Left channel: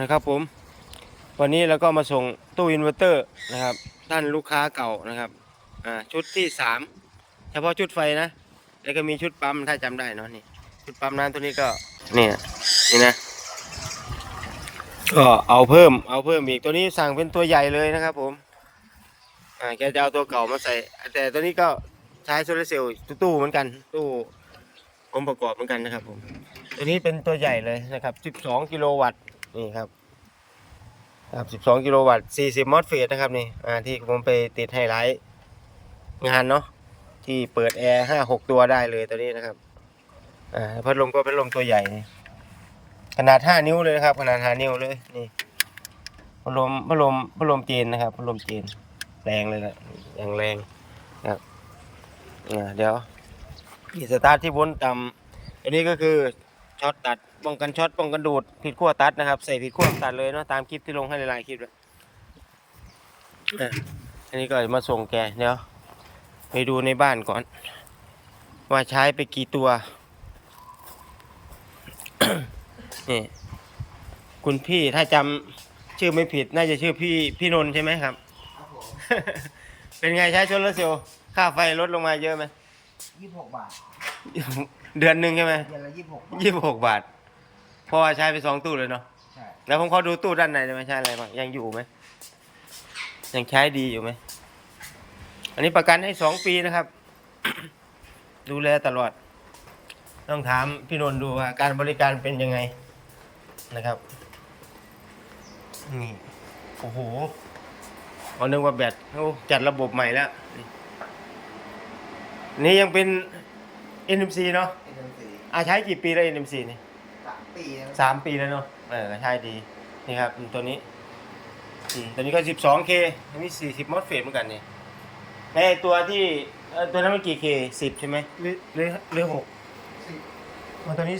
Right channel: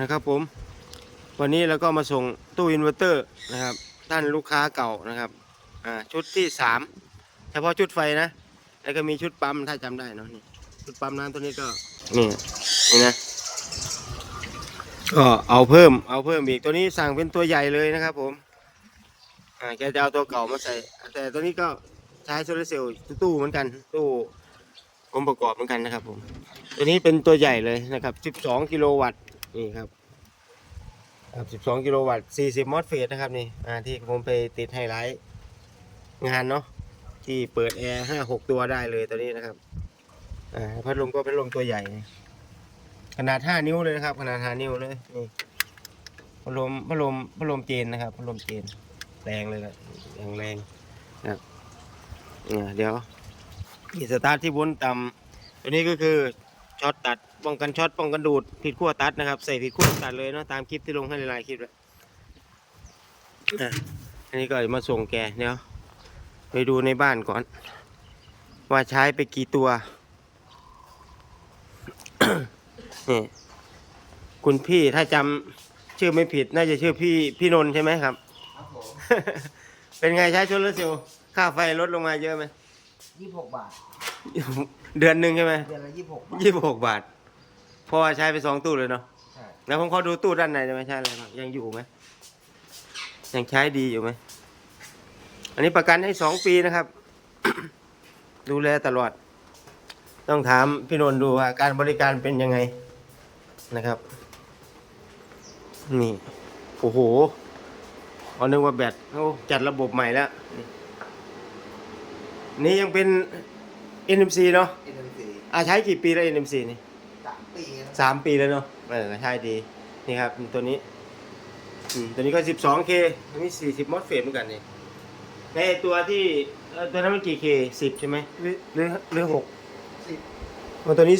นะครับผม วันนี้เราก็มาส่งตู้อินเวอร์เตอร์นะครับท่านลูกค้าเก่านะครับอ่าชุดที่สามเฉพาะชุดไฟนะ แล้วก็มีชุดปั๊มถ้าจำได้เนาะนี่ชุดปั๊มน้ำตัวนี้ก็เนี่ยนี่นะก็เอาเพิ่มเอาเพิ่มอีกตัวนี้สั่งเป็นตัวใหญ่เลยนะครับ ผมอ่าแกจะเอาตัวเก่ามาใส่ แต่ตัวนี้ก็ใช้โซลาร์เซลล์ตู้เหมือนกัน ตู้องค์ประกอบเหมือนกันนะครับ ผม ตัวนี้เป็นตัวใหญ่เลยนะครับ 12 กิโลวัตต์ นี่ครับครับ 12 กิโลวัตต์ 40 มอสเฟตนะครับนี่อ่าที่ผมไปติดไฮไลท์งานเนาะที่เปิดแอร์5 6ตัวได้เลยตัวนี้นะครับอ่าพัดลมก็เป็นลมตัวใหญ่ ขนาด5นิ้วเลยนะครับ ขนาด5นิ้วเลยนี่พัดลมพัดลมพัดลมเจนนะครับพัดลมเจนแรงเลยแหละอย่างแรงนะครับอ่าเดี๋ยวนี่สตาร์ทที่วนต่ำตัวนี้ก็คือช็อตตัด ป้องกันช็อตป้องกันดูดผิดขั้วตัดนะครับ ใส่ผิดขั้วตัดเลยเนาะตามคลิปที่ลงให้หลายๆคลิปแล้วอะอันนี้ก็มาส่งแกเดี๋ยวไปดูในบ้านก่อน ว่าใช้ไปกี่ตัวนี่คุณพี่ถ้าจำชื่อไม่ผิด น่าจะชื่อพี่พี่นนท์ใช่ไหมครับครับผมเป็นไงใช้โซลาร์เซลล์ค่าไฟลดลงมาเยอะไหมยี่สิบหกบาท เดือนหนึ่งใช่ไหมเดือนละยี่สิบหกบาทยี่สิบหกบาท เพราะว่าใช้ไปสองตู้เลยเนาะใช่แล้วผมขอดูตู้ด้านในได้ไหมใช้อะไรบ้างยังอยู่ไหมยังใช้ดีอยู่ไหมอันนี้ประกันให้สองปีนะครับ ดูแลตลอด ต้องถามพี่นนท์ดูว่าการบริการเป็นยังไงนะครับนี่โอ้โหเอานึกว่าแบตเขาจัดระบบใหม่แล้วนี่นี่ยังเป็น NMC เนาะเป็นหนังสืออาใช้กี่ปีแล้ว NMC นี่สาม ปีแล้วสามปีแล้วเนาะเออใช่ดี นี่ครับตัวนี้อืมตัวนี้ก็ 12K อันนี้40มอสเฟตเหมือนกันนี่ในไอ้ตัวที่เอ่อตัวนั้นมันกี่ K 10ใช่ไหมหรือหรือหรือ6สิบว่าตัวนี้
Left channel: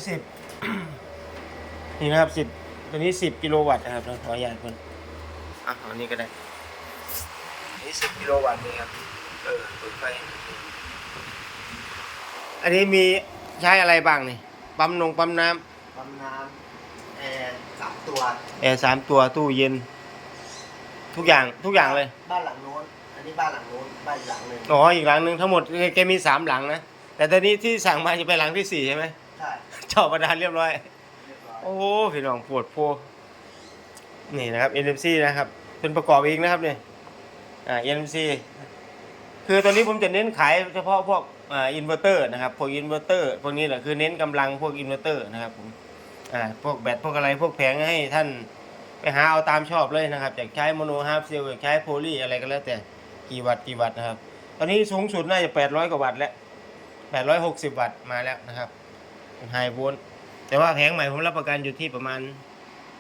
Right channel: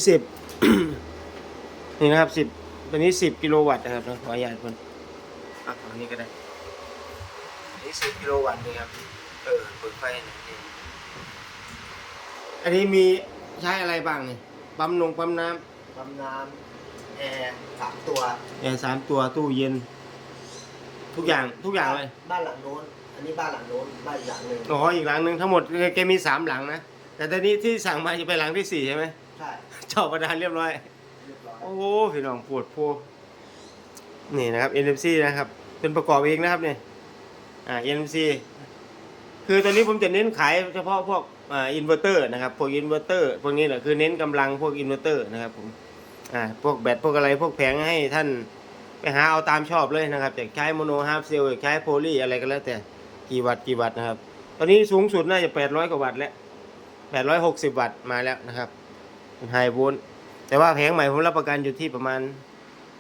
10นี่นะครับ10ตัวนี้10กิโลวัตต์นะครับขออนุญาตคนอะเอานี้ก็ได้อันนี้10กิโลวัตต์นี่ครับเออเปิดไฟนี่อันนี้มีใช้อะไรบ้างนี่ปั๊มนงปั๊มน้ำ ปั๊มน้ำแอร์สามตัว แอร์สามตัวตู้เย็น ทุกอย่างทุกอย่างเลยบ้านหลังโน้น อันนี้บ้านหลังโน้นบ้านอีกหลังหนึ่งอ๋ออีกหลังหนึ่งทั้งหมดแกมีสามหลังนะแต่ตอนนี้ที่สั่งมาจะไปหลังที่สี่ใช่ไหมใช่เจาะประดานเรียบร้อย เรียบร้อยโอ้พี่น้องปวดโพนี่นะครับ NMC นะครับ เป็นประกอบเองนะครับเนี่ยอ่า NMC คือตอนนี้ผมจะเน้นขายเฉพาะพวกอ่าอินเวอร์เตอร์นะครับพวกอินเวอร์เตอร์พวกนี้แหละคือเน้นกำลังพวกอินเวอร์เตอร์นะครับผม อ่าพวกแบตพวกอะไรพวกแผงให้ท่านไปหาเอาตามชอบเลยนะครับอยากใช้โมโนฮาร์ฟเซลอยากใช้โพลีอะไรก็แล้วแต่กี่วัตต์กี่วัตต์นะครับ ตอนนี้สูงสุดน่าจะ800กว่าวัตต์แล้ว860วัตต์มาแล้วนะครับไฮโวลต์แต่ว่าแผงใหม่ผมรับประกันอยู่ที่ประมาณ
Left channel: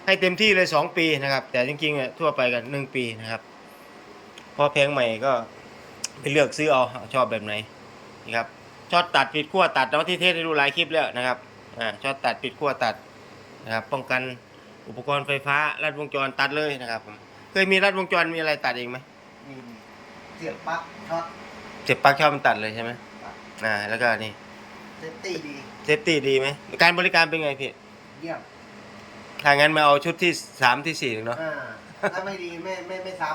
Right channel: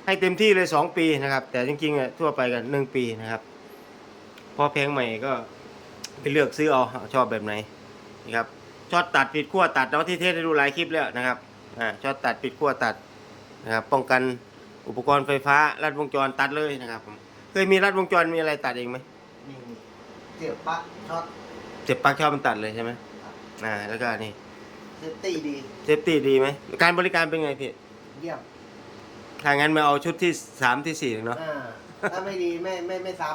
ให้เต็มที่เลย2ปีนะครับ แต่จริงๆอะทั่วไปกัน1ปีนะครับพอแผงใหม่ก็ไปเลือกซื้อเอาชอบแบบไหนนะครับช็อตตัดปิดขั้วตัดเนาะที่เทสให้ดูหลายคลิปแล้วนะครับอ่าช็อตตัดปิดขั้วตัด นะครับ ป้องกันอุปกรณ์ไฟฟ้าลัดวงจรตัดเลยนะครับผมเคยมีลัดวงจรมีอะไรตัดเองไหมมีมีเสียบปลั๊กช็อตเจ็บปลั๊กชอบมันตัดเลยใช่ไหมอ่าแล้วก็นี่เซฟตี้ดีเซฟตี้ดีไหมการบริการเป็นไงพี่เยี่ยมถ้างั้นมาเอาชุดที่สามที่สี่เนาะอ่าถ้าไม่ดีไม่ไม่ไม่ซ้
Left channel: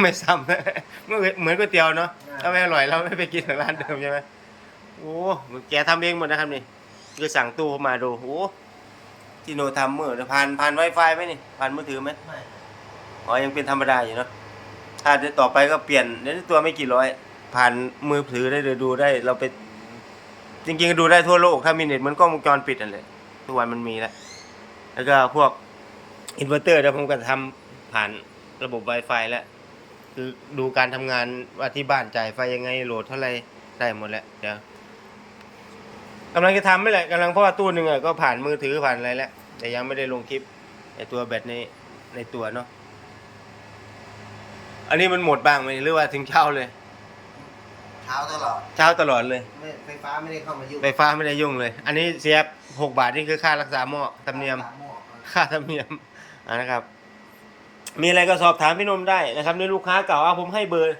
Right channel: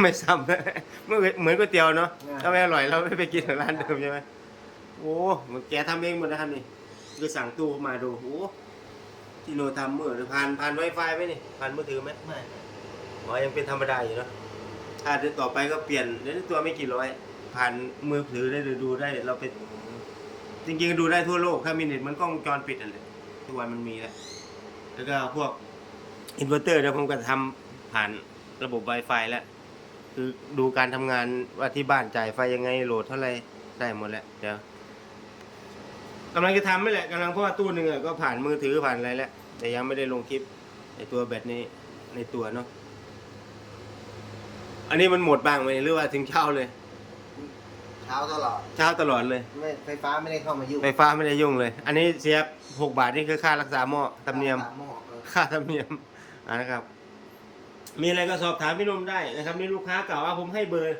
ไม่ซ้ำ เหมือนเหมือนก๋วยเตี๋ยวเนาะอ่าถ้าไม่อร่อยเราไม่ไปกินร้านเดิมใช่ไหมโอ้มันแกทำเองหมดนะครับนี่คือสั่งตู้เข้ามาดูโอ้ ที่โนทำเมื่อผ่านผ่านไวไฟไหมนี่ผ่านมือถือไหมไม่อ๋อยังเป็นธรรมดาอยู่เนาะถ้าเดี๋ยวต่อไปก็เปลี่ยนเดี๋ยวนี้ตัวไม่กี่ร้อย ผ่านมือถือได้เลยดูได้เราไปจริงๆดูได้ทั่วโลกถ้ามีเน็ตมันก็วงจรปิดนั่นแหละทุกวันมันมีแล้วแล้วก็พวกอินเวอร์เตอร์เดี๋ยวผมก็ทำผ่านระบบ Wi-Fi แล้ว คือดูการทำงานว่าที่บ้านจ่ายไฟยังไงโหลดเท่าไหรได้หมดแล้วเดี๋ยว กำลังจะทำไม่แหละกำลังเพราะว่าตู้หนึ่งอะก็ผ่านมือถือผ่านอะไรแล้วแต่ยังไม่ได้ลงคลิปไอตัวแบตในในตัวเนาะอันนี้มันหมดบ้างไหมหรือว่าถึงเช้าเลยเช้าตลอดเช้าตลอดเลย ไม่ไฟฟ้าไม่ได้เข้ามายุ่งไฟฟ้าไม่ได้ยุ่งเลย อันนี้เสียบหกบาทนี่คือค่ารักษาหม้อธรรมเนียมตาหม้อเออค่าธรรมเนียมอ่านะครับ มีอะไรก็สอบถามพี่นมได้นะครับนี่ลูกค้าเก่าเอาผมให้เบอร์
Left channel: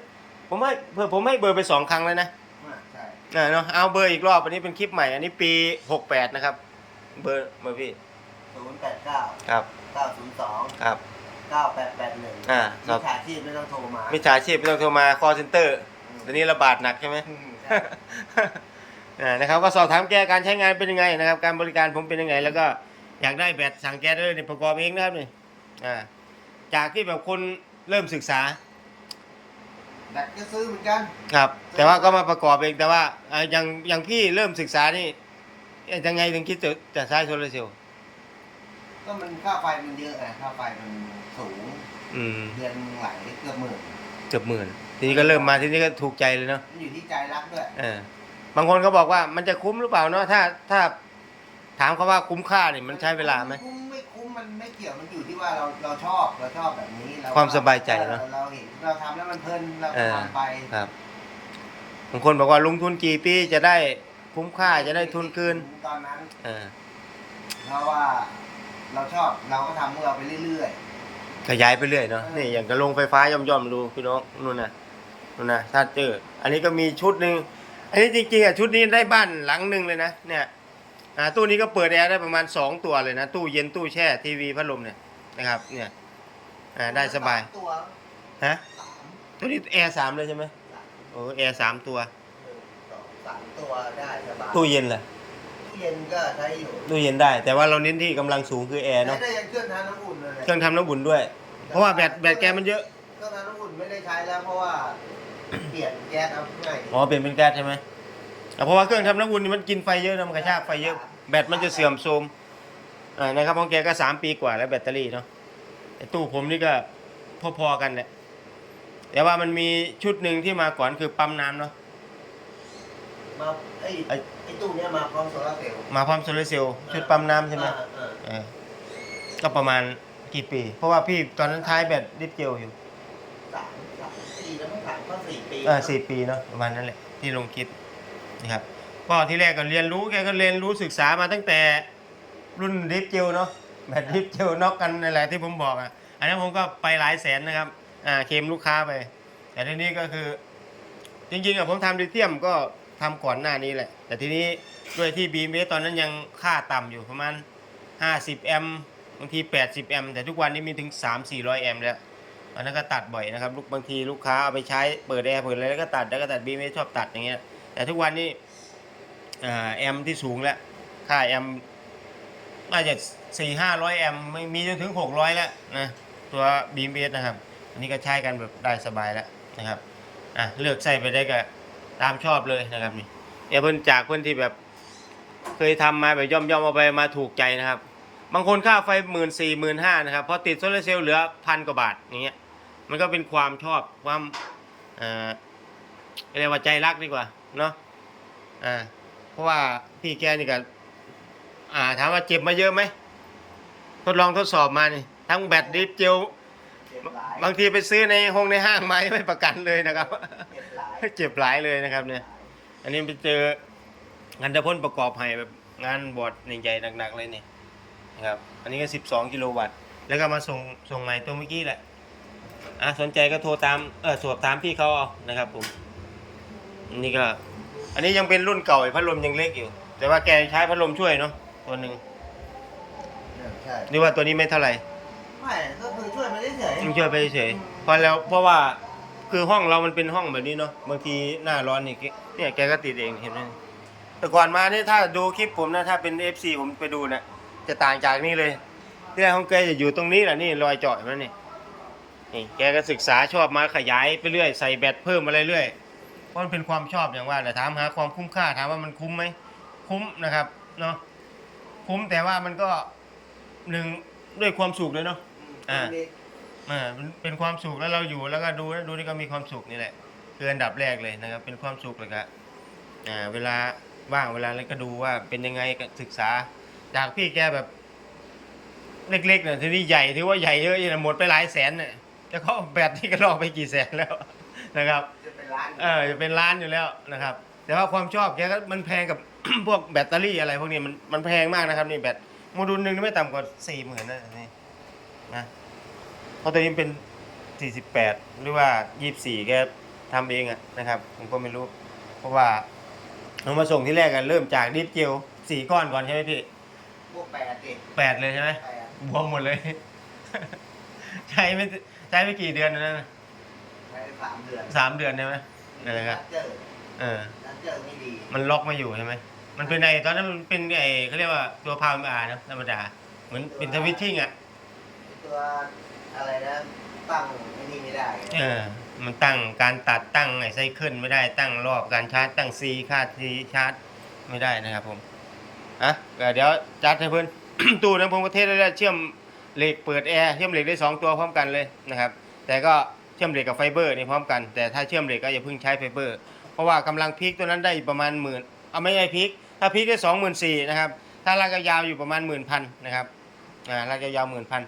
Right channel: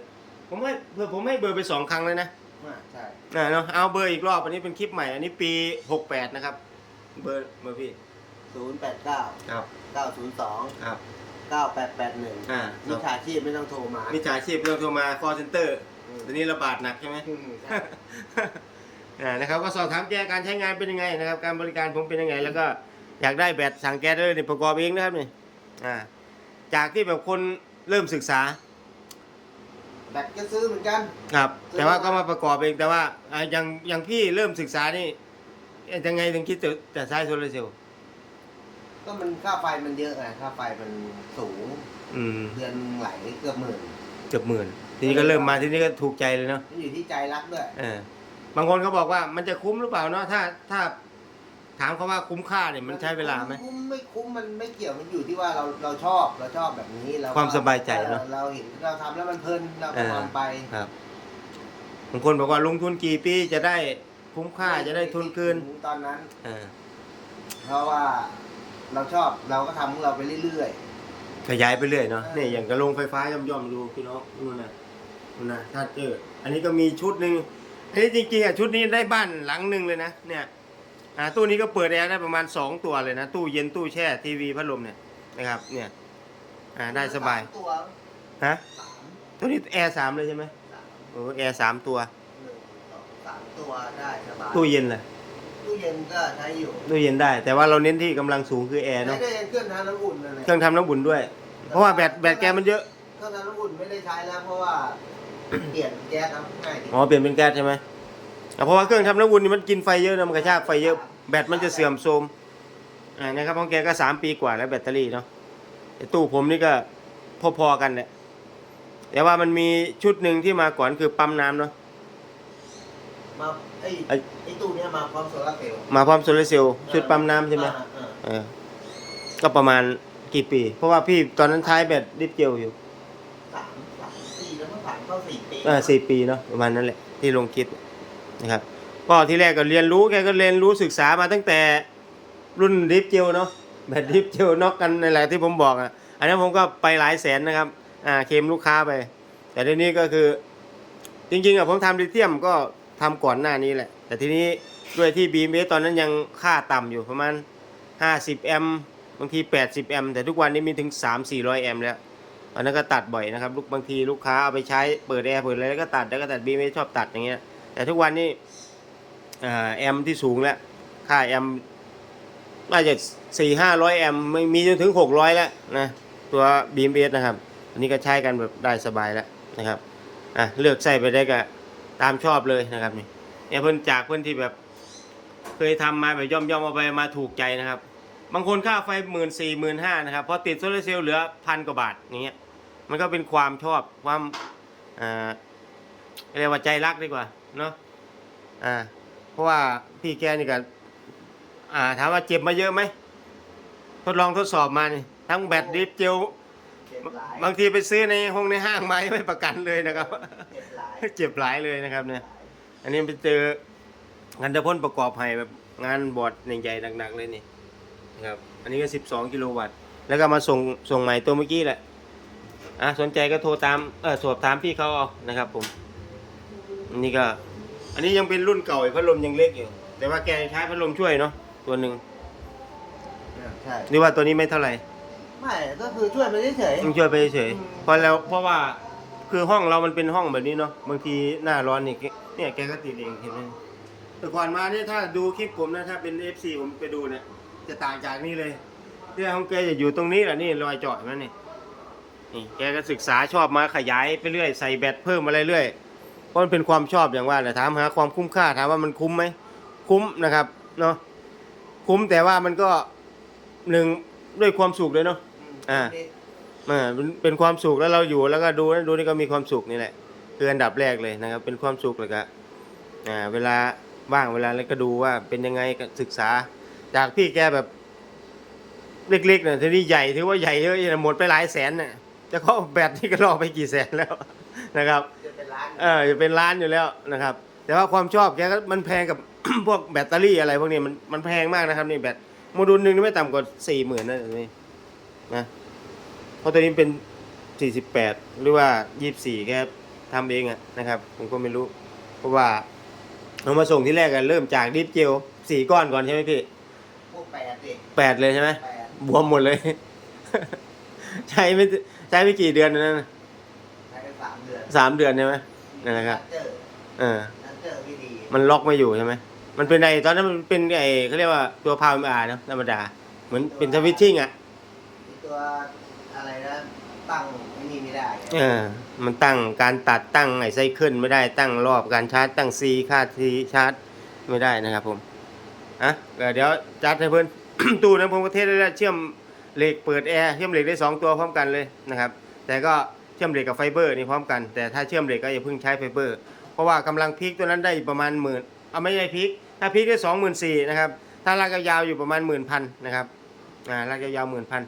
ผมให้เพื่อผมให้เบอร์ไปสองครั้งเลยนะ อ่าใช่อ่าเนาะเอาเบอร์อีกรอบอันนี้เป็นคลิปใหม่อันนี้ปีหกแปดนะครับ เบอร์เบอร์พี่ศูนย์แปดเก้าครับเก้าศูนย์สองครับ เก้าแปดแปดหนึ่งอ่าคมิรับจฉาชีพไม่ต้องโทรมามิจฉาชีพไม่ต้องโทรมา call center อืมตอนนี้ระบาดหนักใช่ไหม อืมใช่ อ่านะครับก็สอบถามแกการใช้งานเป็นยังไงนะครับ การบริการผมเป็นยังไง แล้วก็อยากได้แบตสั่งแกได้เลยนี่ประกอบเองนะครับนี่อ่าจากที่แบบคนเริ่มศึกษา แบตก็ซื้อเหมือนกัน ครับ แต่ว่าก็มาประกอบเองแต่ว่าอ่าอย่างอย่างพี่เริ่มศึกษานี่เอ๊ะยังไงถึงคิดจะจะใช้โซลาร์เซลล์ก็มันค่าไฟมันเยอะไงค่าไฟมันสูงอืมเดือนไหลเกือบหมื่นเกือบหมื่นทีนี้ก็เริ่มมาทีนี้ก็ถูกใจเลยเนาะมันอยู่ที่ใจรักด้วยเออบางคนเขาบอกว่ามันจะคุ้มหรือเปล่าเนาะถ้าถ้าถามเขาว่าคุ้มค่าเนี่ยมันใช้เวลาไหมคุ้มไม่คุ้ มมันไม่เกี่ยวมันอยู่ที่ว่าเราเราชอบเราชอบแบบนี้เราความสบายใจเนอะ เราเห็นเราทำแล้วมันเพลินเราเออทำไปครับบางคนบอกว่าลงทุนกี่ปีจะได้คุ้มค่าจะได้ทุนคืนตอนนั้น เออเพราะว่าเราชอบเราก็ทำของเราไปเรื่อย ขยายไปเรื่อยเนาะเออนี่อย่างกระลงไฟฟ้าย่อมๆดูพี่น้องนู่นน่ะนู่นน่ะถ้าเจออันนี้ก็มีชุดหนึ่งอันนี้จริงๆอะชุดนี้ได้บ้านหลังหนึ่งเลยนะเนี่ย อ่าตู้นี้ก็เปิดแอร์ได้ประมาณสองตัวเลยนะ ตู้เย็นตู้แช่ทีวีพัดลมเนี่ยนะครับ เนี่ยอ่าๆได้สบายตัวฮะตัวนี้แอร์สามเลยใช่ไหมโอ้แอร์สามตัวหนึ่งสองสามตัวได้สบายตู้เย็นล่ะตู้เย็นก็ใช้อยู่ตู้เย็นได้ แต่ว่าเราเน้นที่กำลังสูงคือแอร์ใช้เนาะได้เครื่องทำน้ำอุ่นนั่นแหละเครื่องทำน้ำบุญด้วย เพราะว่าแบตแบตแกมันเยอะเครื่องทำน้ำอุ่นไม่ได้ใช้แล้วเพราะว่าเปลี่ยนแก๊สเอาง่ายดีอ๋อเปลี่ยนเป็นแก๊สใช่ไหม อะเพราะว่าเครื่องทำน้ำอุ่นนี่มันกินไฟเยอะนะมันกระชากไฟเยอะแบตมันจะเสื่อมโทรมอ่านะครับของแกก็สามปีกว่าแล้วแบตเตอรี่เนาะแต่ตู้ผมนี่ก็พอๆกันแหละแต่ว่ามันมีชุดหนึ่งที่มาก่อนคือปั๊มน้ำเนาะมาไอ้ไอ้ไอ้ตู้เนี้ยมาพร้อมโซลาร์เซลล์มาพร้อมโซลาร์เซลล์ชุดปั๊มน้ำใช่ไหมอ่าอ่าเออก็ประมาณกี่ปี เพราะว่าพี่ตอนนั้นท้ายแบตดิฟเจลอยู่สามสามปีแล้วเมื่อผ่านเข้าสี่ปีเออสี่ปีเนาะประมาณนั้นแหละที่ลงคลิป นะครับก็ที่แรกก็เรียนรู้แกก็เรียนรู้ศึกษามาตั้งแต่รุ่นดิฟเจลเนาะแบบดิฟเจลน็อกกันนี่แหละที่ผมบอกอะอันนั้นผมก็ไปหลายแสนนะครับอ่าเคมลูกค้าไป แต่ทีนี้ก็คือ จริงๆอะผมทำลิเธียมก็ทำก่อนหน้านี้แหละ แต่ทีนี้ด้วยที่บีเมตอนนั้นยังค่าต่ำอยู่ประมาณ 50 แอมบางที 80 แอมแต่ทุกวันนี้มีถึง 3-400 แอมแล้วอันนั้นก็ตัดบ่อยนะครับลูกบางทีลูกค้าเอาไปใช้เปิดแอร์เปิดอะไรแล้วก็ตัดแล้วก็ตัดบีไม่ชอบตัดอย่างเงี้ย แต่ทุกวันนี้แอมที่สูงแล้ว ค่าแอมน่าจะสี่ห้าร้อยแอมไม่มีจนถึงหกร้อยแล้วนะตัวบีเอสนะครับ อันนี้ก็ใช้กันแบบได้สบายแล้วนะครับอะเลือกใส่ไปได้ก็ตามชอบเลยนะครับนี่เนี่ยเพิ่นจากเพิ่นที่แบบเคยทำมาแบบย่อมย่อมเอาไปมาถูกใจนะครับ บางคนค่าไฟหมื่นสี่หมื่นห้านะครับพอติดโซลาร์เซลล์เหลือพันกว่าบาทอย่างเงี้ยมันก็เป็นความชอบความอ่าเรียกว่าใจรักดีกว่า เนาะอ่าเพราะว่าพี่แกนี่ก็อ่าถามว่าเจ็บมาเยอะไหมทดลองทดสอบมานี่ทั้งแบตดิฟเจลเจ็บหลายบางทีไปซื้อในห้องในห้างมายังไม่ประกันเลยนะครับเจ็บหลายเจ็บหลายเลยนะครับเนี่ย อันนี้ไปเจองานตะพ่นประกอบให้แบบงานบอร์ดใหญ่ๆหนักๆเลยนี่นะครับ อันนี้ก็สิบสองกิโลวัตต์ แล้วก็มาส่งส่งใหม่ตัวเมื่อกี้แหละอะสนใจก็โทรตามเออสอบถามพี่เขาเอานะครับผมอั นนี้ก็ อันนี้ยังเป็นรุ่นเก่าอีกพัดลมยังเล็กอยู่ แต่ว่าแกใช้พัดลมช่วยเนาะตัวหนึ่งใช่หรือว่าตัวนี้ไม่เท่าไหร่ไม่ก็คือช่วยไปเฉยต้องช่วยไปเฉยๆเพราะแล้วเพราะว่าคือห้องเรามันเป็นห้องแบบนี้เนาะบางทีหน้าร้อนนี่แกเนี่ยแกก็ติดเองเห็นไหมแต่ก่อนมาเนี่ยถ้าดูคลิปผมนะถ้าเป็น FC ผมไปดูนะจะต่างจากนี่เลยที่แรกของแกจะอยู่ตรงนี้แหละนี่รอยเจาะเห็นไหมนี่นี่แกก็ศึกษาชอบมาขยายไปเรื่อยใส่แบตเพิ่มอะไรเรื่อย เพราะมันเป็นความชอบอย่างว่าแหละถามหาความคุ้มค่าถามว่ามันคุ้มไหมคุ้มนะครับเนาะคุ้มแต่ว่ามันก็หนึ่งด้วยความสุขเลยเนาะอ่าออเป็นเป็นความสุขแล้วเราอยู่แล้วก็ดูดูนี่ก็มีความสุขนี่แหละคืออันดับแรกเลยนะครับ เป็นความสุขเลยก็อ่าเวลาว่างเวลาอะไรก็ดูว่าเป็นยังไงก็ศึกษา จากพี่แกแบบ เล็กๆเนี่ยทีนี้ใหญ่ถือว่าใหญ่เยอะหมดไปหลายแสนเนี่ยจะเขาแบตนี่ก็ลอกไปกี่แสนแล้วนะครับ ร้านเออจะเป็นล้านอยู่แล้วนะครับ แต่ว่าความชอบแกก็มันแพงกับ พวกแบตเตอรี่อะไรพวกนี้มันมันแพงมากนะครับนี่แบตโมดูลหนึ่งนี่ไม่ต่ำกว่าสี่หมื่นนะนี่นะเพราะตัวนี้เป็นสี่สิบแปดหรือว่ายี่สิบสี่แกทำเองอะนะครับ ผมก็ไม่รู้ เพราะว่าเอามาส่งที่แรกกันเริ่มจากดิฟเจลสี่ก้อนก่อนใช่ไหมพี่พวกแปดดิแปดเลยใช่ไหมแปดบวมหมดเลย ใช้ไม่ใช้ไม่กี่เดือนนะใช้ไป สามเดือนสามเดือนใช่ไหมนั่นแหละครับเจอเออเจอไม่ดีมันล็อกไม่อยู่ใช่ไหมมันเป็นไอตอนนั้นมันเป็นไอเขาเรียกว่าตัวพาวอานะธรรมดา เหมือนเป็นสวิตชิ่งอะไอ้ตัวอะไรนะตั้งไม่ดีไม่ได้ เออ มันตั้งการตัดตั้งไอไซเคิลไม่ได้ตั้งรอบการชาร์จตั้งซีค่าทีชาร์จไม่ได้นะครับผมอะก็เดี๋ยวจัดให้เพื่อนตู้นะผมประเทศได้เชื่อมเหล็กเปิดแอร์เชื่อมเหล็กได้สองตัวพร้อมกันเลยนะครับ แต่ก็เชื่อมเหล็กกับไฟเบอร์นี่พร้อมกันแต่ถ้าเชื่อมเหล็กก็อย่าเพิ่งใช้ไฟเบอร์ เพราะว่ากำลังพีคตัวนั้นได้ประมาณหมื่นเอาไม่ใช่พีคถ้าพีคได้สองหมื่นสี่นะครับถ้าลากยาวๆอยู่ประมาณหมื่นพันนะครับอ่าลากยาวๆหมื่นพัน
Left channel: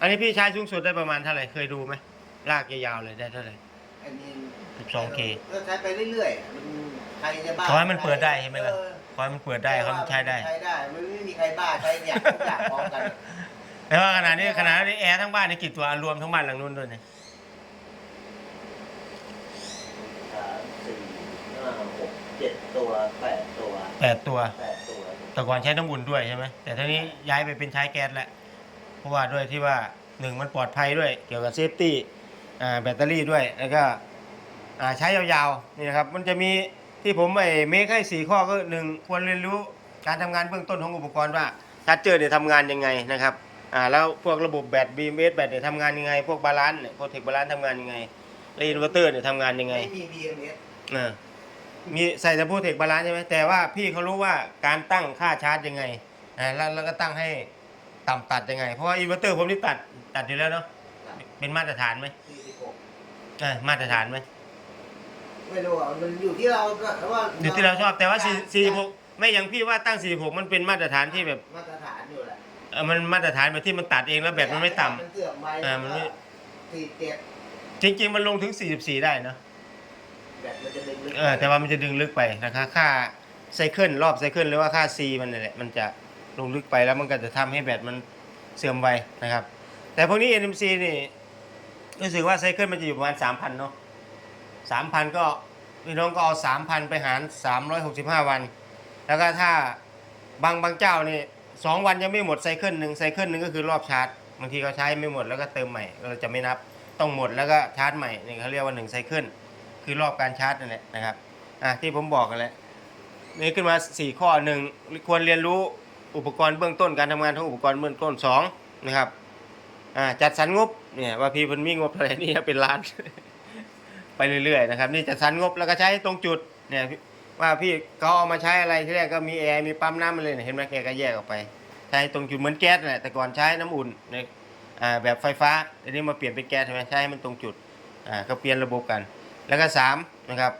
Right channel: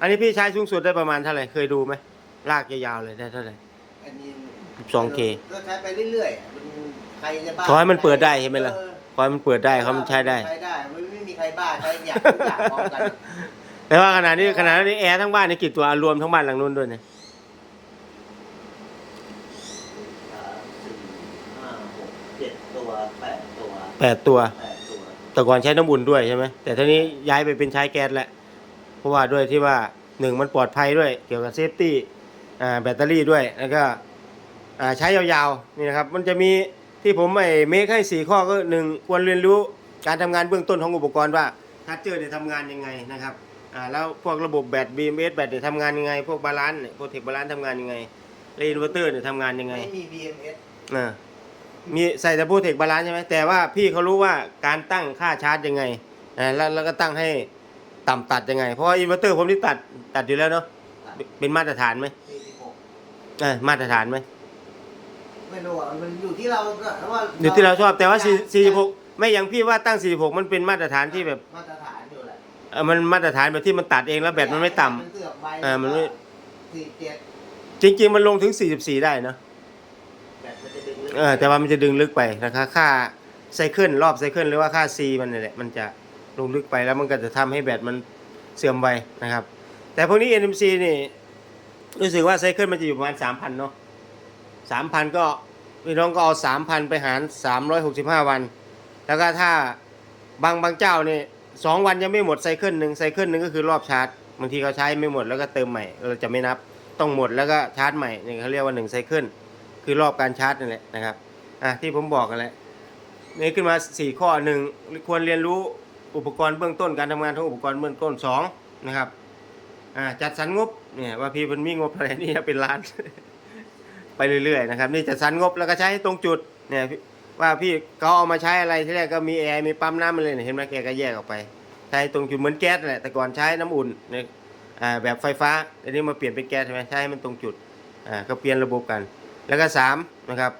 อันนี้พี่ใช้สูงสุดได้ประมาณเท่าไหร่เคยดูไหมลากยาวๆเลยได้เท่าไหร่อันนี้ 12K ก็ใช้ไปเรื่อยๆมันใครจะบ้าขอให้มันเปิดได้ใช่ไหมล่ะเออพอมันเปิดได้เขามันใช้ได้ใช้ได้มันไม่มีใครบ้าใช้อย่างทุกอย่างพร้อมกันแต่ว่าขนาดนี้ขนาดนี้แอร์ทั้งบ้านนี่กี่ตัวรวมทั้งบ้านหลังนู้นด้วยนะ สามสี่ห้าหกเจ็ดตัวแปดตัว แปดตัว แปดตัวแต่ก่อนใช้น้ำอุ่นด้วยใช่ไหมแต่ทีนี้ย้ายไปเป็นใช้แก๊สแล้วเพราะว่าด้วยที่ว่าหนึ่งมันปลอดภัยด้วยเกี่ยวกับเซฟตี้อ่าแบตเตอรี่ด้วยแล้วก็อ่าใช้ยาวๆนี่นะครับ มันจะมีที่ผมไอ้เมคให้สี่ข้อก็หนึ่งควรเรียนรู้การทำงานเบื้องต้นของอุปกรณ์ว่าชาร์จเจอร์เนี่ยทำงานยังไงนะครับอ่าแล้วพวกระบบแบต BMS แบตเนี่ยทำงานยังไง พวกบาลานซ์เนี่ยพวกเทคบาลานซ์ทำงานยังไงแล้วอินเวอร์เตอร์เนี่ยทำงานยังไงไม่มี BMS เออ มีใส่แต่พูดเทคบาลานซ์ใช่ไหมแต่ว่าพี่เขารู้ว่าการตั้งค่าชาร์จยังไงอ่าแล้วแล้วก็ตั้งให้ต่ำตัดยังไง เพราะว่าอินเวอร์เตอร์ผมนี่ตัดตัดอยู่แล้วเนาะเป็นมาตรฐานไหม46เออมาตรฐานไหมไม่รู้อะมันอยู่ที่เราก็ว่าอยู่ที่เราชอบแต่ว่า4 46ไม่อย่างพี่ว่าตั้ง46มันเป็นมาตรฐานที่แบบมาตรฐานอยู่แหละเออมันมาตรฐานแบบที่มันตัดเองแล้วแบตมันไม่ต่ำ มันเสือกไว้เออมันไม่ สี่เจ็ดจริง ๆ มันลงถึง 44 ได้เนาะ แบตมันจะดึงลึก เออแต่ว่ามันจะดึงลึกไปนะคะค่าไซเคิลรอบไซเคิลหรือว่าค่า C มันนี่แหละมันจะลงลึกไปแล้วมันก็จะทำให้แบตมันเสื่อมไปนะครับ แต่พวกนี้ NMC นี่รู้สึกว่าไซเคิลมันจะอยู่ประมาณ3,000เนาะ3,000ก็พี่น้องก็เอา3,000ไปหาร365วัน แล้วก็ถ้าบางบางเจ้านี่สองวันยังไม่หมดไซเคิลหนึ่งไซเคิลหนึ่งก็คือรอบชาร์จบางทีเขาใช้ไม่หมดแล้วก็เติมใหม่เราจะไม่นับต้องหมดแล้วก็ชาร์จใหม่นี่างเขาเรียกว่า1ไซเคิล คือรอบการชาร์จนั่นแหละนะครับอะที่ผมบอกกันแหละนี่ขึ้นมา 4 ข้อหนึ่งควรเรียนรู้อุปกรณ์เบื้องต้นการทำงานของอุปกรณ์เบื้องต้น2นะครับอ่าจัดสรรงบเนี่ยว่าพี่มันมีงบอะไรนี่เป็นล้าน ไปเรื่อยๆนะครับนี่จัดสรรงบแล้วก็ใช้ตรงจุดเนี่ยว่าพี่เขาเอามาใช้อะไรที่แรกก็มีแอร์มีปั๊มน้ำมาเลยเห็นไหมแกก็แยกออกไปใช้ตรงจุดเหมือนแก๊สแหละแต่ก่อนใช้น้ำอุ่นเนี่ยอ่าแบบไฟฟ้าอันนี้มาเปลี่ยนเป็นแก๊สใช่ไหมใช้ให้มันตรงจุดอ่าก็เปลี่ยนระบบกัน แล้วก็สามนะครับ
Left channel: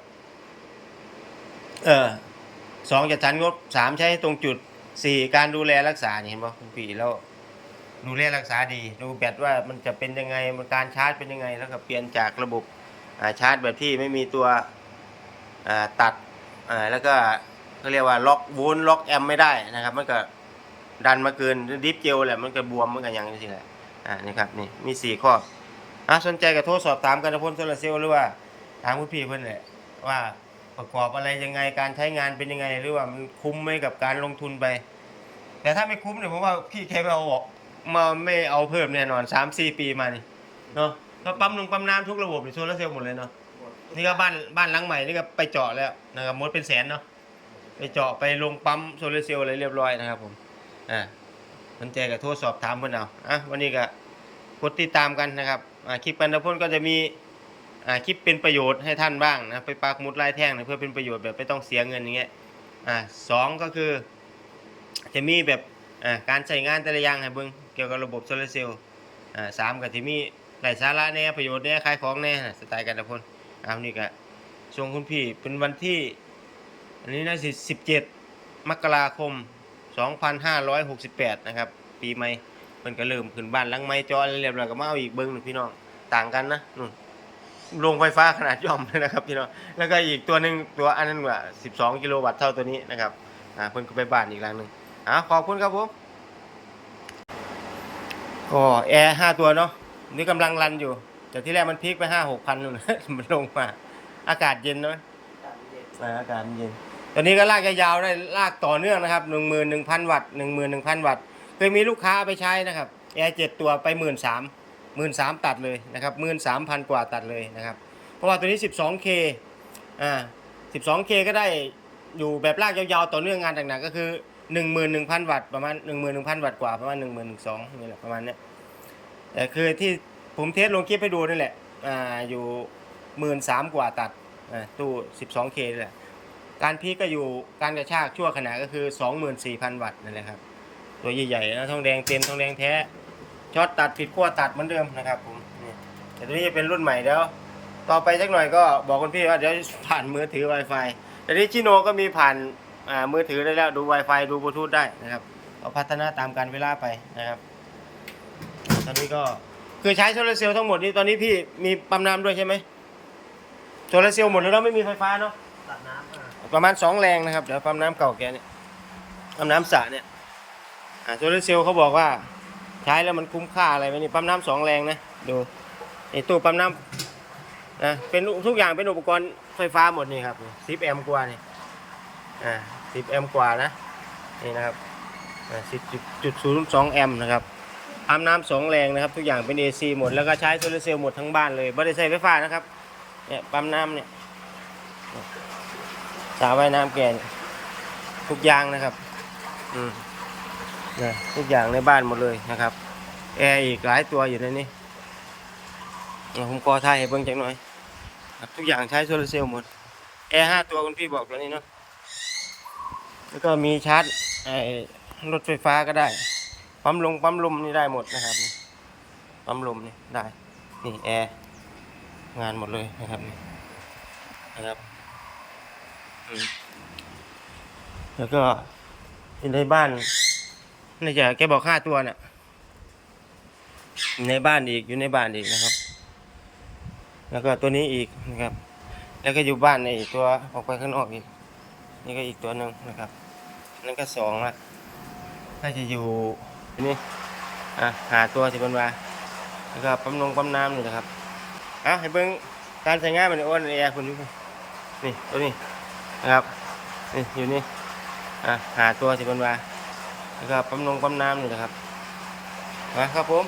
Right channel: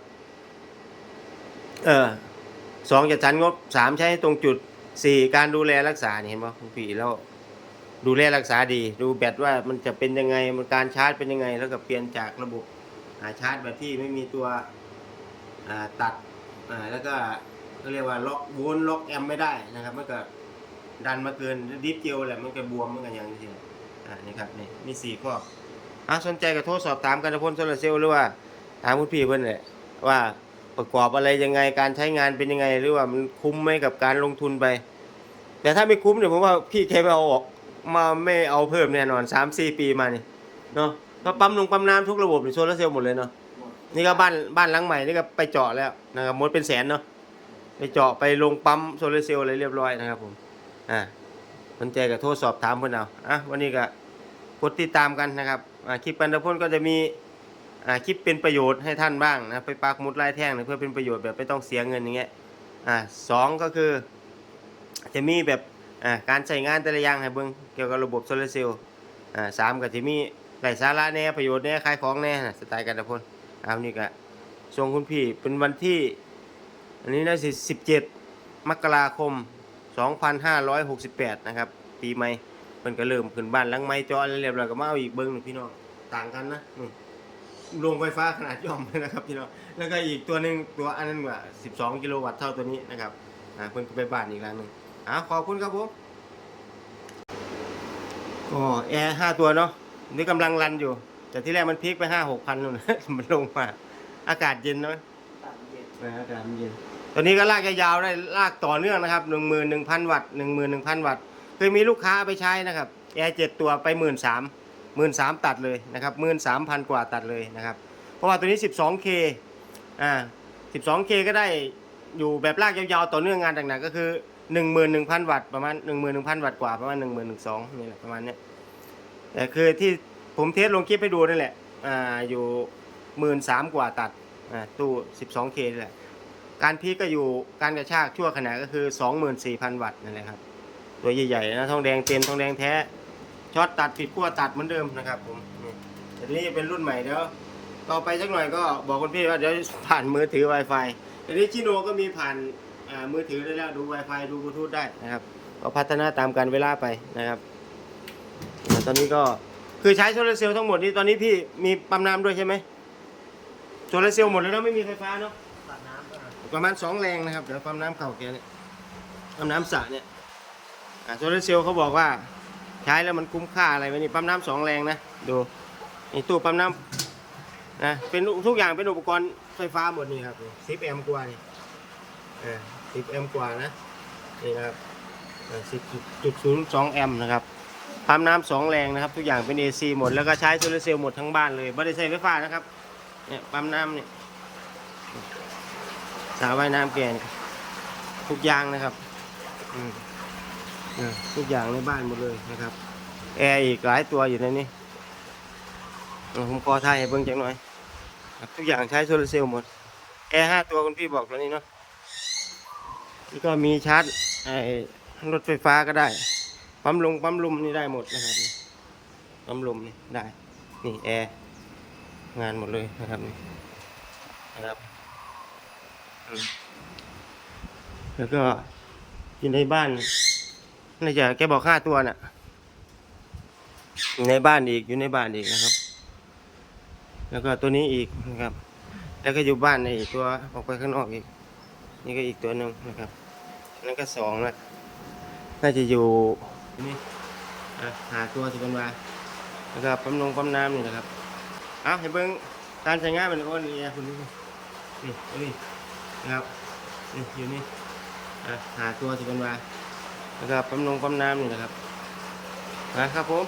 เออสองจัดสรรงบสามใช้ให้ตรงจุดสี่การดูแลรักษาเห็นป่ะคุณพี่แล้วดูแลรักษาดีดูแบตว่ามันจะเป็นยังไงมันการชาร์จเป็นยังไง แล้วก็เปลี่ยนจากระบบาชาร์จแบบที่ไม่มีตัวตัดแล้วก็เขาเรียกว่าล็อกโวลต์ล็อกแอมไม่ได้นะครับ มันก็ดันมาเกินดิฟเจลแหละมันก็บวมมันก็ย่างนี้แหละอ่านี่ครับนี่มีสี่ข้ออะสนใจกับโทรสอบถามกันนะพ่นโซลาเซลล์หรือว่า ถามคุณพี่เพื่อนเลยว่าประกอบอะไรยังไงการใช้งานเป็นยังไงหรือว่ามันคุ้มไหมกับการลงทุนไป แต่ถ้าไม่คุ้มเนี่ยผมว่าพี่แค่ไม่เอาออกมาไม่เอาเพิ่มแน่นอนสามสี่ปีมานี่เนาะเพราะปั๊มลงปั๊มน้ำทุกระบบนี่โซลาร์เซลล์หมดเลยเนาะนี่ก็บ้านบ้านหลังใหม่นี่ก็ไปเจาะแล้วนะครับมดเป็นแสนเนาะไปเจาะไปลงปั๊มโซลาร์เซลล์อะไรเรียบร้อยนะครับผมอ่าสนใจกับโทรสอบถามเพื่อนเอาอะวันนี้ก็กดติดตามกันนะครับอ่าคลิปปันพลก็จะมี อ่าคลิปเป็นประโยชน์ให้ท่านบ้างนะไปปักมุดลายแท่งนะเพื่อเป็นประโยชน์แบบไม่ต้องเสียเงินอย่างเงี้ยอ่าสองก็คือ จะมีแบบอ่าการใช้งานแต่ละอย่างให้เบิ่งเกี่ยวกับระบบโซลาร์เซลล์อ่าสามก็จะมีหลายสาระแน่ประโยชน์แน่ขายของแน่สไตล์กันพลเอานี่ก็ส่งคุณพี่เป็นวันที่ อันนี้นะสิบเจ็ดมกราคม 2568 นะครับ ปีใหม่เพิ่นก็เริ่มขึ้นบ้านหลังไม้จอเรียบร้อยก็มาเอาอีกเบิ้งหนึ่งพี่น้องต่างกันนะนู่น โรงไฟฟ้าขนาดย่อมเลยนะครับพี่น้องแล้วก็อีกตัวหนึ่งตัวอันนั้นว่า 12 กิโลวัตต์เท่าตัวนี้นะครับอ่าเพิ่นก็ไปบ้านอีกหลังหนึ่งอ่าขอบคุณครับผมก็แอร์ห้าตัวเนาะนี่กำลังรันอยู่ แต่ที่แรกมันพีคไปห้าหกพันนู่นมันลงมา อากาศเย็นเนาะตามเย็นอ่าอากาศมันเย็น ตอนนี้ก็ลากยาวๆได้ลากต่อเนื่องนะครับหนึ่งหมื่นหนึ่งพันวัตต์หนึ่งหมื่นหนึ่งพันวัตต์เคยมีลูกค้าเอาไปใช้นะครับแอร์เจ็ดตัวไปหมื่นสาม หมื่นสามตัดเลยนะครับหมื่นสามพันกว่าตัดเลยนะครับ เพราะว่าตัวนี้ 12K อ่า 12K ก็ได้อยู่แบบลากยาวๆ ต่อเนื่องงานหนักๆก็คือ 11,000 วัตต์ประมาณ 11,000 วัตต์กว่าประมาณ 11,200นี่แหละประมาณเนี้ยแต่คือที่ผมเทสลงคลิปให้ดูนั่นแหละอ่าอยู่13,000กว่าตัดอ่าตู้ 12K นี่แหละการพีก็อยู่การกระชากชั่วขณะก็คือ 24,000 วัตต์นั่นแหละครับตัวใหญ่ๆนะทองแดงเต็มทองแดงแท้ ช็อตตัดผิดขั้วตัดเหมือนเดิมนะครับ ผมนี่แต่ตัวนี้จะเป็นรุ่นใหม่เดี๋ยวต่อไปสักหน่อยก็บอกคุณพี่ว่าเดี๋ยวผ่านมือถือ Wi-Fi แต่นี้ชิโนก็มีผ่านอ่ามือถือได้แล้วดู Wi-Fi ดูบลูทูธได้นะครับก็พัฒนาตามการเวลาไปนะครับ ตอนนี้ก็คือใช้โซลาร์เซลล์ทั้งหมดนี้ตอนนี้พี่มีปั๊มน้ำด้วยใช่ไหมโซลาร์เซลล์หมดแล้วนะไม่มีไฟฟ้าเนาะตัดน้ำอะประมาณสองแรงนะครับเดี๋ยวปั๊มน้ำเก่าแกเนี่ยปั๊มน้ำสระเนี่ยอ่าโซลาร์เซลล์เขาบอกว่า ใช้แล้วมันคุ้มค่าอะไรไหมนี่ปั๊มน้ำสองแรงนะดูนี่ตู้ปั๊มน้ำนะเป็นทุกอย่างเป็นอุปกรณ์ไฟฟ้าหมดนี่ครับสิบแอมกว่านี่อ่าสิบแอมกว่านะนี่นะครับสิบจุดศูนย์สองแอมนะครับปั๊มน้ำสองแรงนะครับ ทุกอย่างเป็น AC หมดแล้วก็ใช้โซลาร์เซลล์หมดทั้งบ้านเลยไม่ได้ใช้ไฟฟ้านะครับเนี่ยปั๊มน้ำเนี่ยสระว่ายน้ำแก่ทุกอย่างนะครับ อืม ทุกอย่างในบ้านหมดเลยนะครับ แอร์อีกหลายตัวอยู่ในนี้ผมขอถ่ายให้เบิ่งจังหน่อยครับทุกอย่างใช้โซลาร์เซลล์หมด แอร์ห้าตัวคุณพี่บอกตัวนี้เนาะแล้วก็มีชาร์จไอ้รถไฟฟ้าก็ได้ ปั๊มลงปั๊มลมนี่ได้หมดนะครับปั๊มลมนี่ได้ นี่แอร์งานหมดเลยนะครับนะครับแล้วก็อยู่ในบ้าน น่าจะแกบอกค่าตัวน่ะอยู่ในบ้านอีกอยู่ในบ้านอีกนะครับ แล้วก็ตัวนี้อีกนะครับ แล้วก็อยู่บ้านในตัวออกไปข้างนอกอีก นี่ก็อีกตัวหนึ่งนะครับนั่นก็สองละน่าจะอยู่นี่อะหาตัวสิบันวาแล้วก็ปั๊มนงปั๊มน้ำนี่นะครับเอาให้เบิ้งการใช้งานมันอ้วนแอร์คุณดูนี่นี่ตัวนี้นะครับนี่อยู่นี่อะหาตัวสิบันวา แล้วก็ปั๊มนงปั๊มน้ำนี่นะครับนะครับผม